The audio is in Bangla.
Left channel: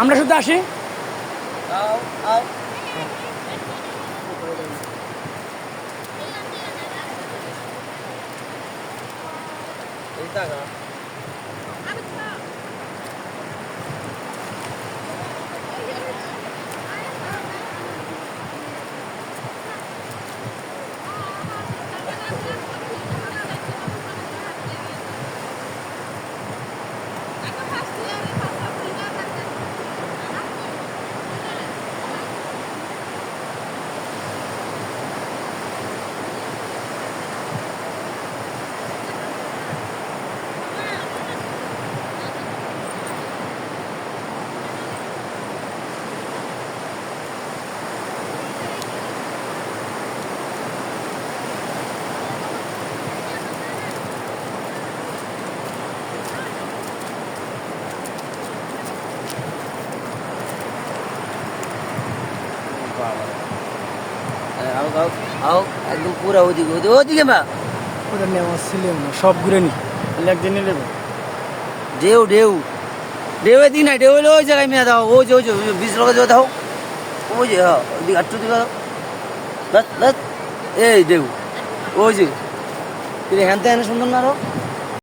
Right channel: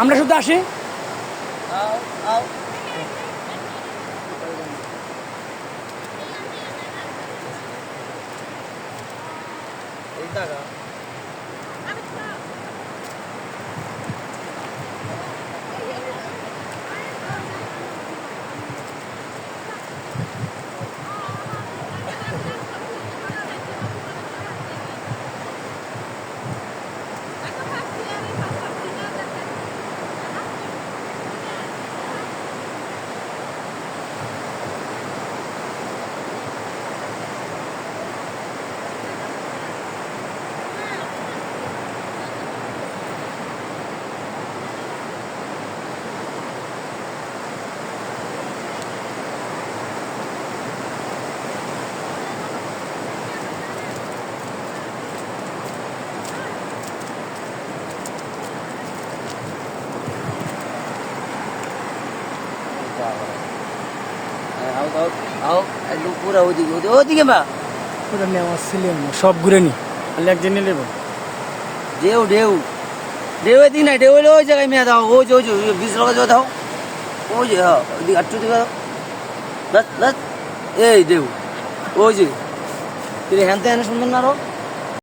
আমরা শুধু আসি। একদম পুরো ওদিকে ওদিকে মা ওটা নেওয়া ছিলেন না, সব ঘুরে নি একদিন নিয়ে দেবো। ঢেউ ঢেউ ঢেউ এদিকে না, ঢেউ হলে ওই জায়গায় মেয়ে দাও, ওই যে বিশ টাকা জল দাও, ওই যে হ্যাঁ ওইদিকে আটটু দিকে বাস বাস, এই ঢেউ ওই যে হ্যান তে সুন্দর না আরো।